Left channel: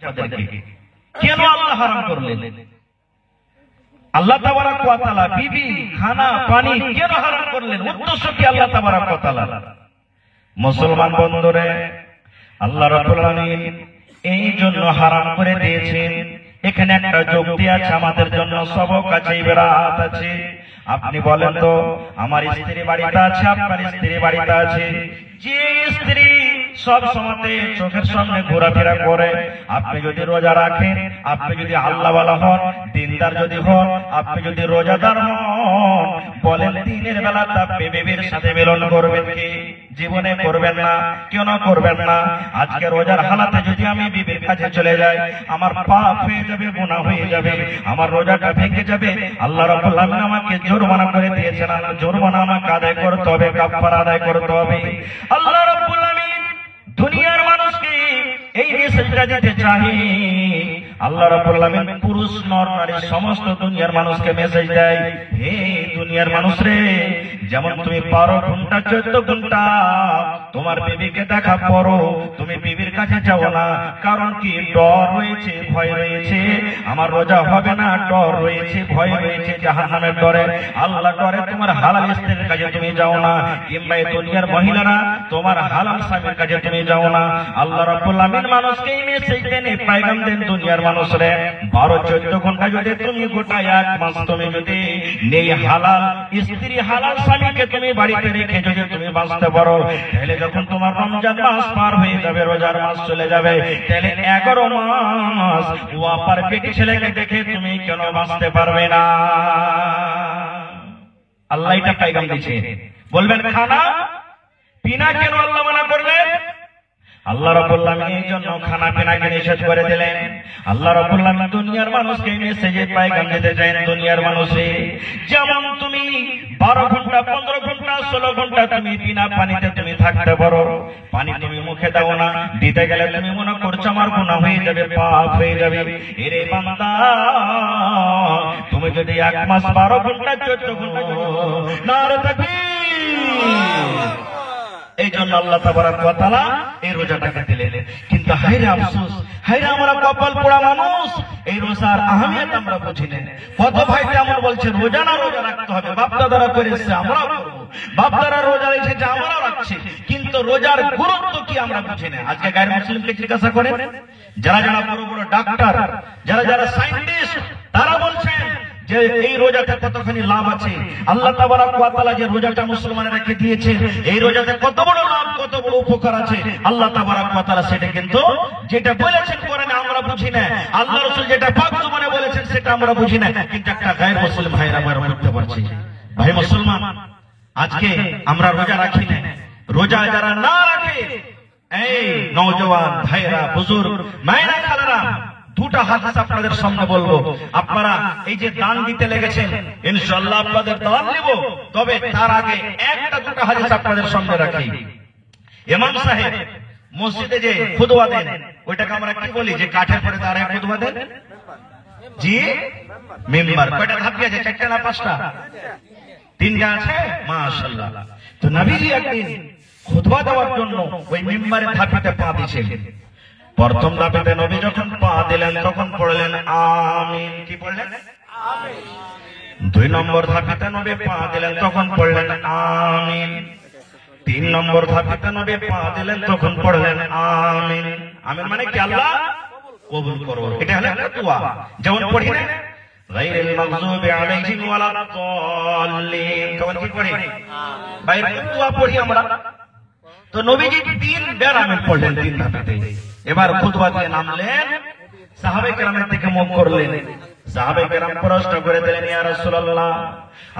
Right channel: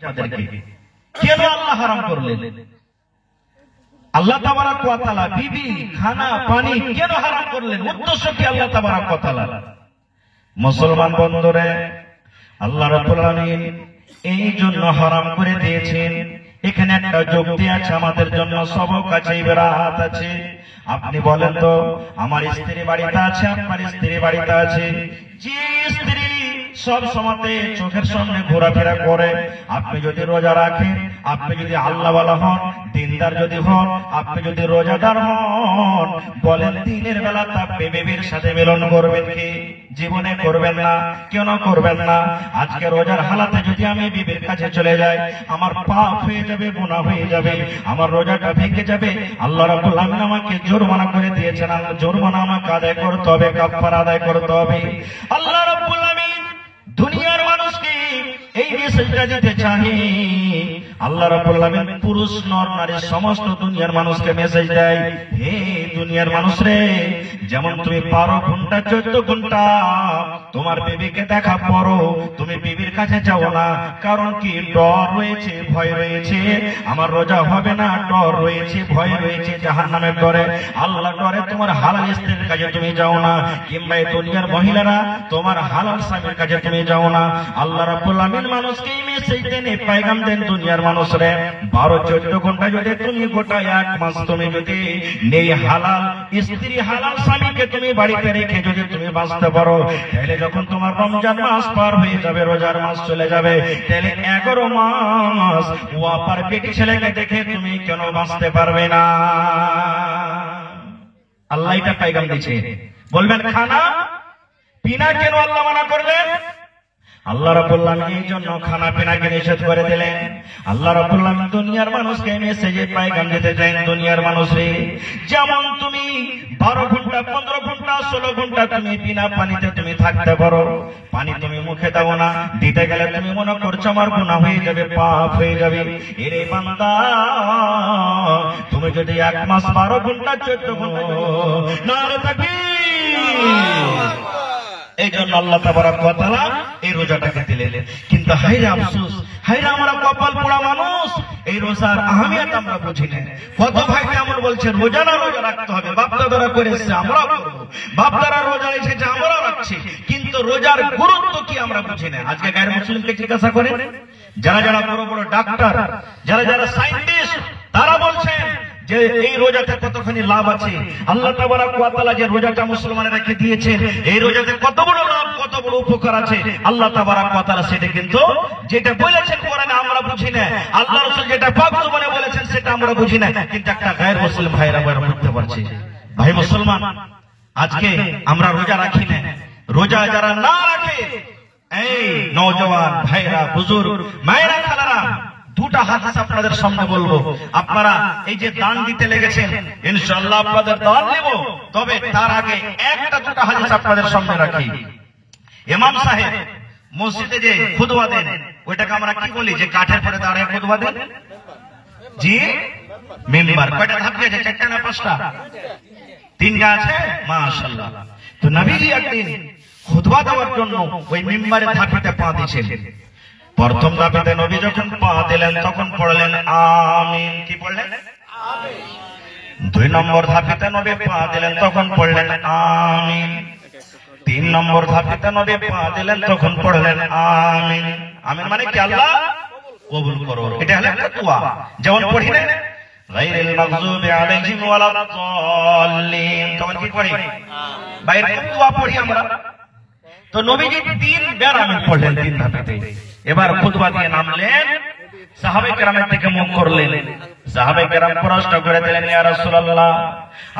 কেন আল্লাহ হারাম করলেন? আল্লাহ তাবারাক ওয়া তাআলা বিবি খানা পানি কেন হারাম করলেন? উদ্দেশ্য কি আল্লাহ তাবারাক ওয়া তাআলা? মুসলমান বন্ধুরে, আল্লাহ রাব্বুল আলামিন এই জন্য হারাম করে দিয়েছেন। এখানে একটা যুক্তি আছে আমাদের জন্য, সবক আছে, ইবরাত আছে। আপনি বলেন তো, আমার স্ত্রী বাড়িতে আছে, আপনার স্ত্রী বাড়িতে আছে, যে স্ত্রী সব সময় চোখের সামনে ঘোরাফেরা করে, আপনি যদি রোজা রাখেন, আপনি যদি আল্লাহওয়ালা হন, দিনদার যদি হন, আপনি যদি রোজাদার হন, বলেন দিনের বেলা তার বিবির সাথে মিলন করবেন কি? জীবনে করবেন না। কেন করবেন না? আজকে রোজার হালাতে যদি আমি বিবির কাছে চলে যাই, আমার পাপ হয়ে যাবে, গুনাহ হয়ে যাবে, আমার রোজাটা ভেঙে যাবে। আল্লাহ রাব্বুল আলামিন আমাকে জরিমানা করে দিয়েছেন, জরিমানা আমাকে আদায় করতে হবে, কাফারা আদায় করতে হবে। আল্লাহ রাব্বুল আলামিন দুনিয়ার মানুষকে এই মেসেজটা দিতে চাহে। আল্লাহ রাব্বুল আলামিন পুরুষ নর নারী সমস্ত দুনিয়ার মানুষকে মেসেজ দেয়, হে দুনিয়ার মানুষ রে, যেমন তুমি 12 ঘন্টা 14 ঘন্টা তোমার বিবিকে দেখা পড়ো, তুমি বিবির কাছে যাও না। কারণ কি? ডর রয়েছে, ভয় রয়েছে, আমার রোজা হবে না, ডর রয়েছে, ভয় রয়েছে জাহান্নামের ডরে। আল্লাহ ডরে তোমার হালাল স্ত্রীর কাছে তুমি যাও না, কিংবা দুনিয়ার মহিলারা তোমার হালাল স্বামীর কাছে তুমি যাও না। আল্লাহ রাব্বুল আলামিন মানুষকে এই মেসেজ দেন, পয়গাম দেন, দুনিয়ার মানুষরে 12-14 ঘন্টা যদি তুমি গোটা এক মাস তুমি যদি নেই হালাল স্ত্রী, হালাল স্বামীকে তুমি বাড়িতে রেখে যদি তুমি বাঁচতে পারো, তাহলে যখন তোমার রমজান মাস পার হয়ে যাবে, রোজার মাস চলে যাবে, তাহলে 11 মাস ও আপার পেটে ছেলেকে দেখে তুমি কেন বাঁচতে পারবে না? আল্লাহ এটা পয়গাম দিয়েছে। বলবেন খানা পিনা কেন আল্লাহ মানা করবে? আল্লাহ রাব্বুল আলামিন এই জন্য খানা পিনাকে নিষেধ করে দিলেন। আল্লাহ রাব্বুল আলামিন দুনিয়ার মানুষকে মেসেজে পয়গাম দিতে চান, দুনিয়ার মানুষে যেমন তুমি 12 ঘন্টা 15 ঘন্টা 16 ঘন্টা তুমি বিনা পানিতে তুমি থাকতে পারো, পানি তুমি মুখে দাও না, দিতে গেলে তুমি মনে করছো আমার গুনাহ হয়ে যাবে, পাপ হয়ে যাবে। এরে বান্দা, তুমি যদি 1 মাস 12 ঘন্টা 14 ঘন্টা নারে তাকবীর, এই জন্য আল্লাহ তাবারাক ওয়া তাআলা এই রোজাটাকে দিলেন। কিন্তু হায়রে আফসোস, হায়রে আমরা কপাল পোড়া মানুষ, এই রোজার আহমিয়ত আমরা বুঝি না। কত ভাই কেমন বলছে রোজা না রোজা রাখতে হবে, বাপ দাদারা করে এসেছে আমরাও করব, বাপ দাদারা রোজা রেখেছে আমরাও রাখছি, কিন্তু রোজার গুরুত্ব কি আমরা বুঝি না। আজকে গায়ের মুসলিমকে জিজ্ঞাসা করেন, যারা যারা বড় বড় ডাক্তার, যারা যারা সায়েন্টিস্ট, তারা বলছেন যে এই রোজাতে কতখানি লাভ আছে। আল্লাহ তাবারাক ওয়া তাআলা যে রোজাটা মুসলমানেরকে দিয়েছেন, এই রোজাতে কত বড় লাভ, কত বড় উপকার আছে, আল্লাহ তাবারাক ওয়া তাআলা সেটা কিন্তু যেটা বলেছেন কোরআনে আমরা বুঝি না, আল্লাহ রাসূল যেটা পাক জবানে বলেছেন সেটা আমরা বুঝি না। কিন্তু একটা গায়ের মুসলিম ভাইরা আমরা বুঝতে পারছি। ভাই মুসলমান, আজকে আমরা রোজা রাখি না, রোজা যারা না রাখে, এই নওজওয়ান ভাইরা, বুজুর্গ মায়েরা, খালারা, দুটা হাদিস আপনাদের সামনে বলবো। আপনারা এই যে দান দিতে লেগেছেন, ইনশাআল্লাহ আপনাদের দান নেব, তবে তার আগে একটা দুটা হাদিস আপনাদের সামনে রাখি। ইমাম সাহেব মসজিদে যে খুতবা দেন, ওইটাকে আমরা কি বলি? যে কাঠের পরে দাঁড়িয়ে খুতবা দেন, জি মিম্বার। কয়টা ধাপি আছে? 4টা না 5টা? 3টা আছে, মাশাআল্লাহ। তো নবীজি একদিন খুতবা দেওয়ার জন্য ওই মিম্বারের ধাপিতে পা দিয়েছেন। প্রথম ধাপেতে নবী যখন পা দিলেন তখন পড়লেন আমিন। কি পড়লেন? আমিন। 2 নম্বর ধাপেতে নবী পা দিলেন তখন পড়লেন আমিন। 3 নম্বর ধাপেতে নবী পা দিলেন তখন পড়লেন আমিন। আমিন মানে কি? আল্লাহ কবুল করো। এটা হলো দোয়া। যেমন পড়ি না গায়রিল মাগযুবি আলাইহিম ওয়ালাদ-দাল্লিন, তখন কি পড়ি? বাইরে দোয়া পড়ি আমরা। তো নবীজি 3 বার আমিন পড়লেন 3 ধাপেতে। এবার খুতবা দিয়ে নামলেন, সাহাবায়ে কেরামের দিকে মুখ করলেন। সাহাবায়ে কেরাম প্রশ্ন করে দিলেন, ইয়া রাসূলুল্লাহ,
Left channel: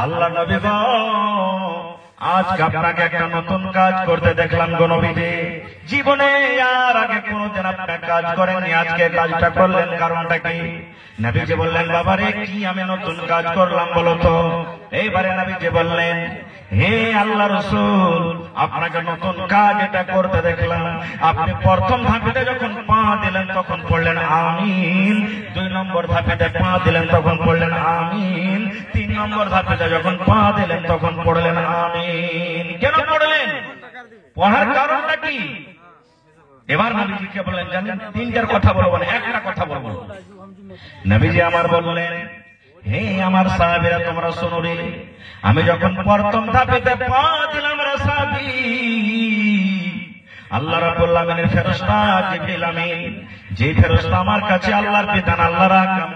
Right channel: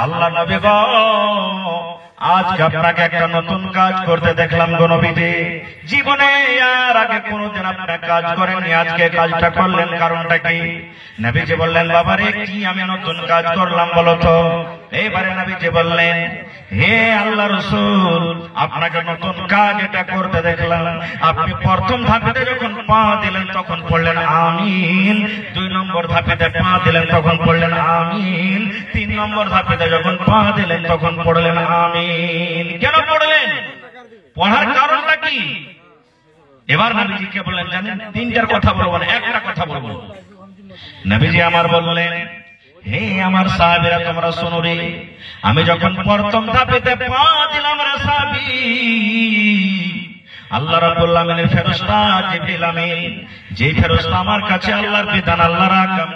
আল্লাহ নবী গো, আজকে আপনাকে একটা নতুন কাজ করতে দেখলাম গো নবীজি, জীবনে আর আগে কোনদিন আপনারা কাজ করেননি, আজকে কাজটা করলেন, কারণটা কি? নবীজি বললেন, বাবা রে, কি আমি নতুন কাজ করলাম বলো তো? এইবারে নবীজি বললেন, হে আল্লাহ রাসূল, আপনাকে নতুন কাজ এটা করতে দেখলাম। আপনি প্রথম ধাপেতে যখন পা দিলেন তখন পড়লেন আমিন, 2 নম্বর ধাপেতে পা দিলেন তখন পড়লেন আমিন, 3 নম্বর ধাপেতে যখন পা দিলেন তখন পড়লেন আমিন। কেন পড়লেন? পড়ার কারণটা কি? এবার নবীজিকে বললেন, জানেন তিনটার কথা বলবো না, একটা কথা বলবো। নবীজি আমার বললেন, হে আমার সাহাবীরা তোমরা শোনো রে, আমি যখন প্রথম ধাপেতে পা দিলাম রে সাহাবী, আল্লাহ রাব্বুল আলামিনের ফেরেশতা জিবরিল আমিন, যে ফেরেশতা আমার কাছে আল্লাহর বিধান আল্লাহর আহকাম